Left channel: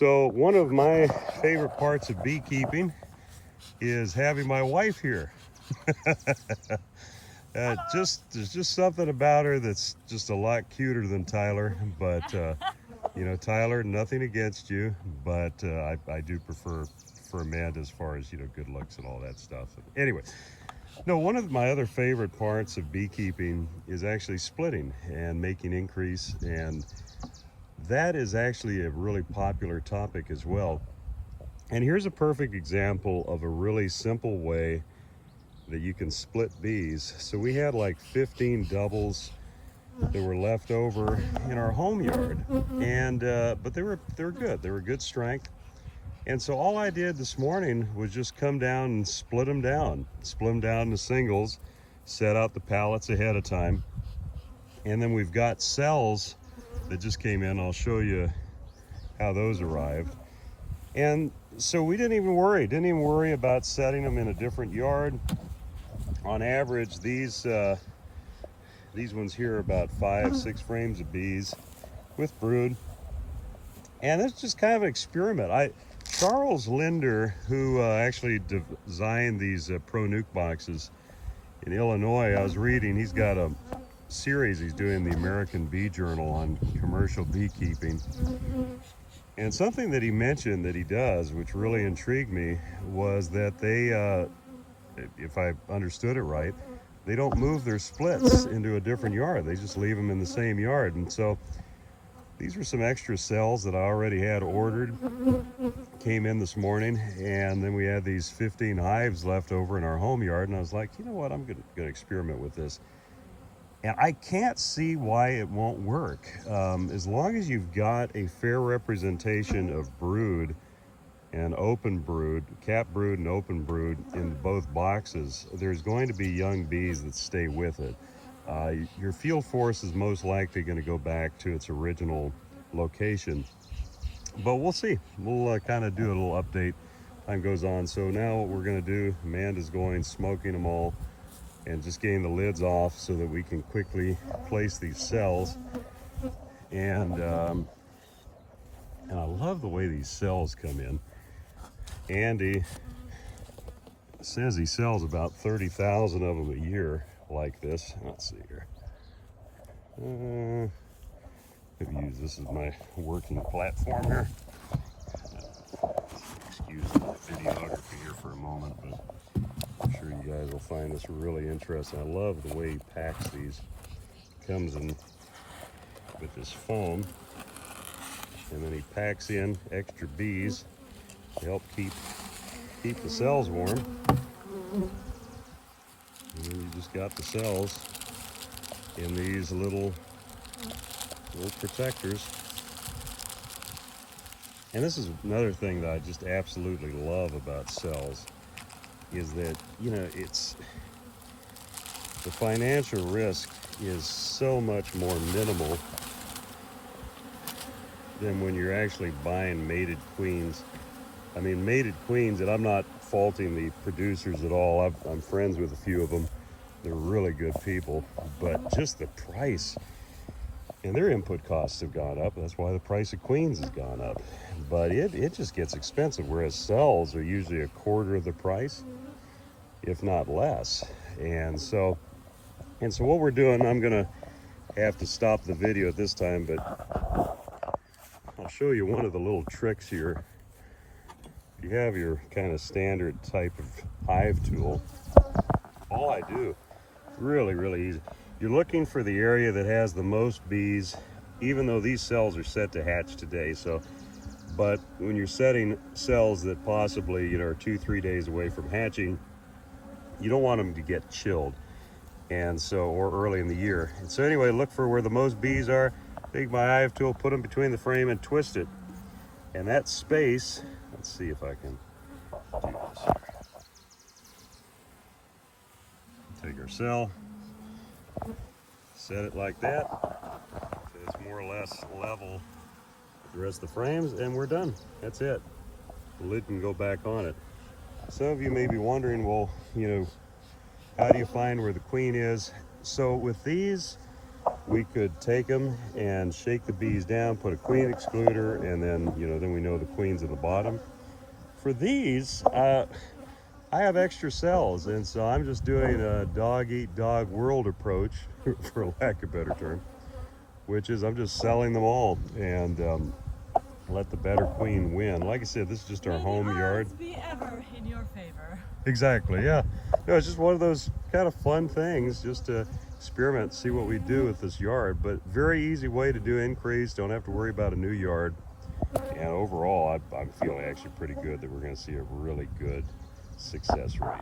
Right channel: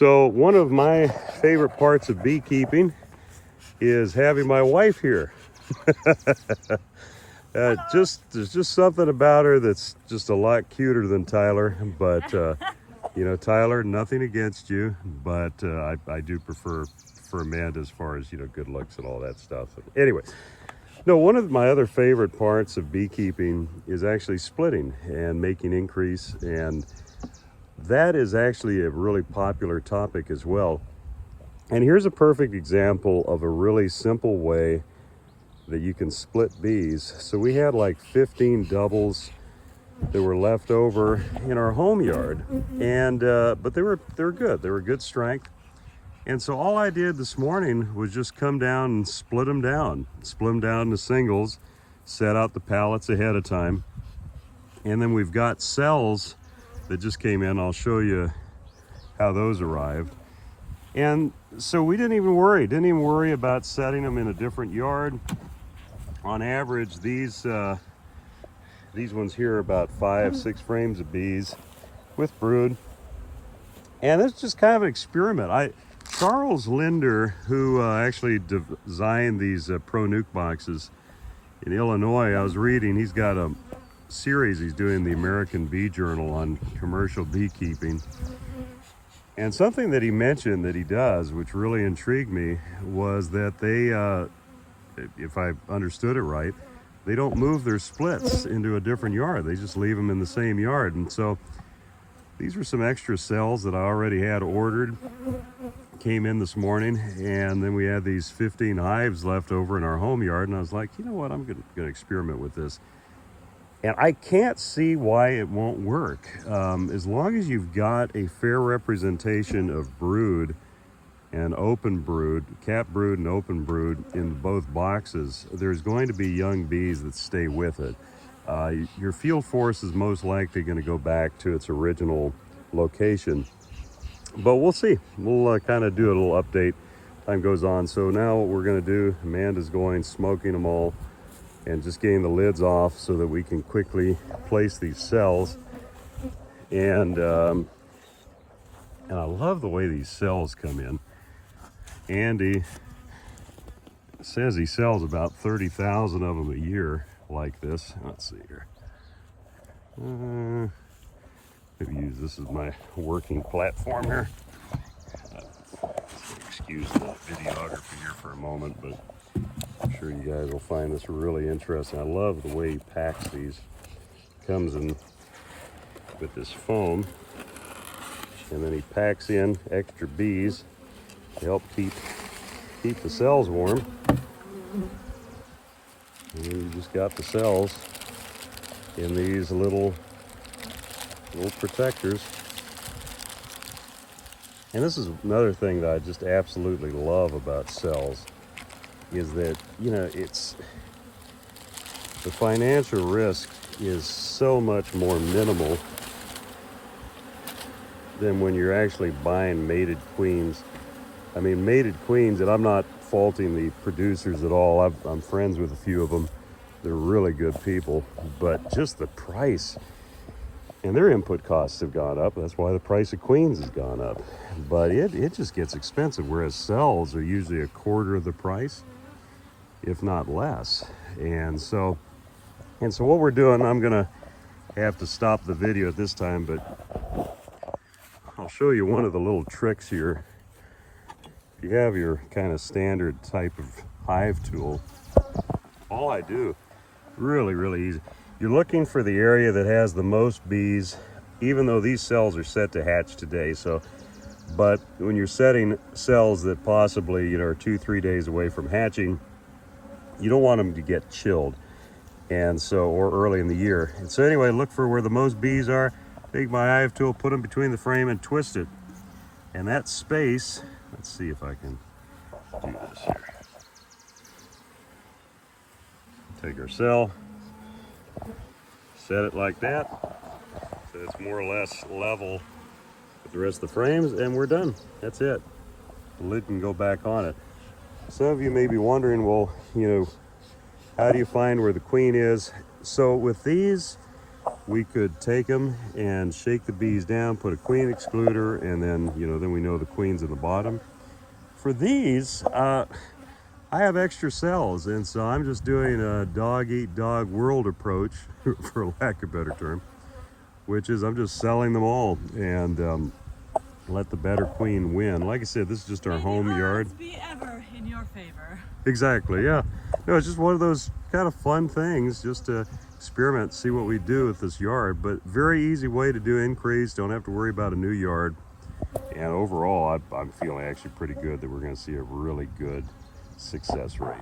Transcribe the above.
So one of my favorite parts of beekeeping is having my wife here. There's just something about her that's just a lot cuter than Tyler. But you know, Tyler, nothing against you, but I do prefer Amanda as far as, you know, good looks and all that stuff. Anyway, no, one of my other favorite parts of beekeeping is actually splitting and making increase, and that is actually a really popular topic as well. And here's a perfect example of a really simple way that you can split bees. So we had like 15 doubles that were left over in our home yard, and but they were good. They were good strength. And so all I did this morning was just come down and split them down into singles, set out the pallets ahead of time, and then we've got cells that just came in. I'll show you how those arrived. And so we didn't even worry about setting them in a different yard. On average, these ones here are about 5-6 frames of bees with brood, and it's just kind of an experiment. Charles Linder, who actually designed these Pro Nuke boxes in Illinois, I was reading, he's got a series he's doing, the American Bee Journal, on commercial beekeeping. And something that he mentioned that he does, which really intrigued me, was that they, if I understood it right, they don't move their splits into a different yard. They just leave them in the same yard. And so these were some extra cells that I already had ordered, came in this morning, and then we had these 15 hives left over in our home yard, and I was like, you know what, I'm gonna experiment with this. And I can't see why it won't work. As long as you've got a fair representation of brood and open brood, cap brood and open brood in both boxes, there's going to be young bees that stay with it. Your field force is most likely going to go back to its original location, but we'll see. We'll kind of do a little update time goes on. So now what we're going to do, Amanda's going smoking them all and just getting the lids off so that we can quickly place these cells. And I love the way these cells come in. Andy says he sells about 30,000 of them a year like this. Let's see here. Maybe use this as my working platform here. Excuse the videography here for a moment, but I'm sure you guys will find this really interesting. I love the way he packs these. Comes in with this foam, and then he packs in extra bees to help keep the cells warm. And then you just got the cells in these little protectors. And this is another thing that I just absolutely love about cells, is that, you know, it's the financial risk is so much more minimal than when you're actually buying mated queens. I mean, mated queens, and I'm not faulting the producers at all. I'm friends with a few of them. They're really good people, but just the price and their input costs have gone up. That's why the price of queens has gone up. But it just gets expensive, whereas cells are usually a quarter of the price, if not less. And so what we're doing, I'm gonna have to stop the video at this time, but I'll show you one of the little tricks here. You have your kind of standard type of hive tool. All I do, really easy. You're looking for the area that has the most bees, even though these cells are set to hatch today. So, but when you're setting cells that possibly, you know, are 2-3 days away from hatching, you don't want them to get chilled. And so, or early in the year. And so anyway, look for where the most bees are, take my hive tool, put them between the frame and twist it. And that space, let's see if I can do this here. Take our cell, set it like that, so it's more or less level with the rest of the frames, and we're done. That's it. The lid can go back on it. Some of you may be wondering, well, you know, how do you find where the queen is? So with these, we could take them and shake the bees down, put a queen excluder, and then, you know, then we know the queen's in the bottom. For these, I have extra cells, and so I'm just doing a dog-eat-dog world approach, for lack of a better term, which is I'm just selling them all and let the better queen win. Like I said, this is just our home yard. Be ever in your favor. Exactly, yeah. No, it's just one of those kind of fun things, just to experiment, see what we do with this yard. But very easy way to do increase. Don't have to worry about a new yard. And overall, I'm feeling actually pretty good that we're going to see a really good success rate.